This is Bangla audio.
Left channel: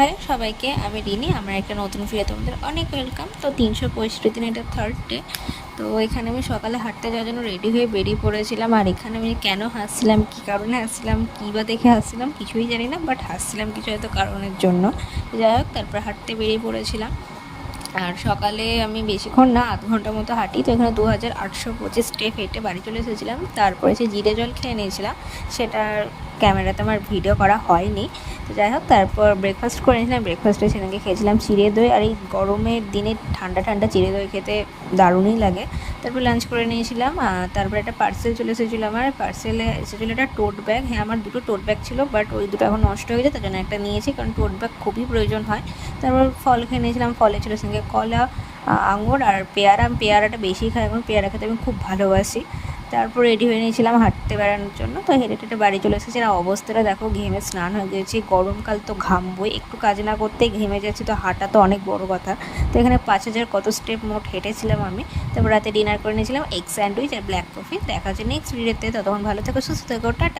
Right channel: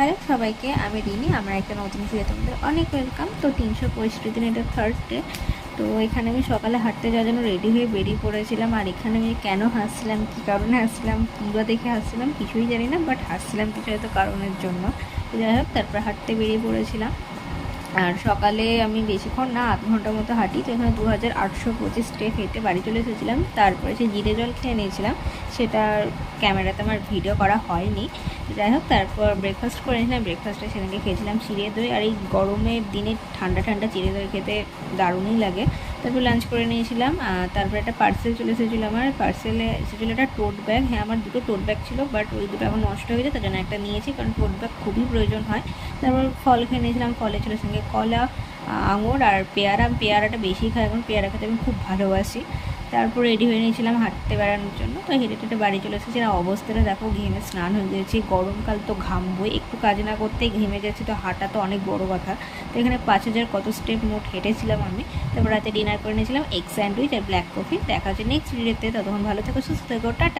হ্যালো সবাইকে, আমি রিনি। আমার একটা নতুন ভিডিও তোমাদের অনেক ওয়েলকাম। তো 365 দিন, এটা থার্ড ডে। তো এখানে আমি সকালে হাঁটতে যাওয়ার জন্য রেডি হয়ে বেরিয়ে পড়েছিলাম। আর এখানে আমি কেন হাসছিলাম, কী কারণে হাসছিলাম, কী বা দেখে হাসছিলাম কিছুই জানি না, বাট হাসছিলাম কিছু হয়তো কারণের জন্য। তো যাই হোক, তারপর হাঁটতে বেরিয়ে পড়েছিলাম। আর সকালে আমি বেশিক্ষণ না, আধ ঘন্টার মতো হাঁটি। তো এখানে 2825 স্টেপ হেঁটে বাড়ি চলে এসেছিলাম। তারপরে সে জিরে জল খেয়ে নিয়েছিলাম, সেটার ক্যামেরাতে আমার ভিডিও করা হয়নি। তো যাই হোক, তারপর ব্রেকফাস্ট করে নিয়েছিলাম। ব্রেকফাস্টে সেখানে খেয়েছিলাম চিড়ে দই। আর এই গরমের দিনে ঠান্ডা ঠান্ডা চিড়ে দই খেতে দারুণই লাগে। তারপর লাঞ্চ করে নিয়েছিলাম। তারপর একটা পার্সেল চলে এসেছিলো। আমার পার্সেলে এসেছিলো একটা টোট ব্যাগ। হ্যাঁ, আমার দুটো টোট ব্যাগ ছিল, বাট ওই দুটো এখন নষ্ট হয়ে গেছে, তার জন্য একটা নিয়েছি, কারণ টোট ব্যাগ খুবই প্রয়োজন হয়। তারপর ফল খেয়ে নিয়েছিলাম। ফলে ছিল সঙ্গে কলা, আঙুর আর পেয়ারা। আমি পেয়ারাটা বেশি খাই, এখন পেয়ারা খেতে আমি খুব ভালোবাসি। তারপর রেডি হয়ে নিয়েছিলাম হাঁটতে বেড়ানোর জন্য। তো হেঁটে হেঁটে বাড়ি চলে এসেছি। আর অবস্থাটা দেখো, ঘেমে স্নান হয়ে গেছি। গরমকাল তো ঘামবই, একটু কাজ না করতেই ঘেমে যাচ্ছি। তো হাঁটা তো অনেক বড় কথা। তো এখানে 5000 কত স্টেপ মোট হেঁটেছিলাম আমি। তারপর রাতে ডিনার করে নিয়েছিলাম এগ স্যান্ডউইচ আর ব্ল্যাক কফি। দেখা যায় নেক্সট ভিডিওতে। ততক্ষণ ভালো থেকো, সুস্থ থেকো, টাটা।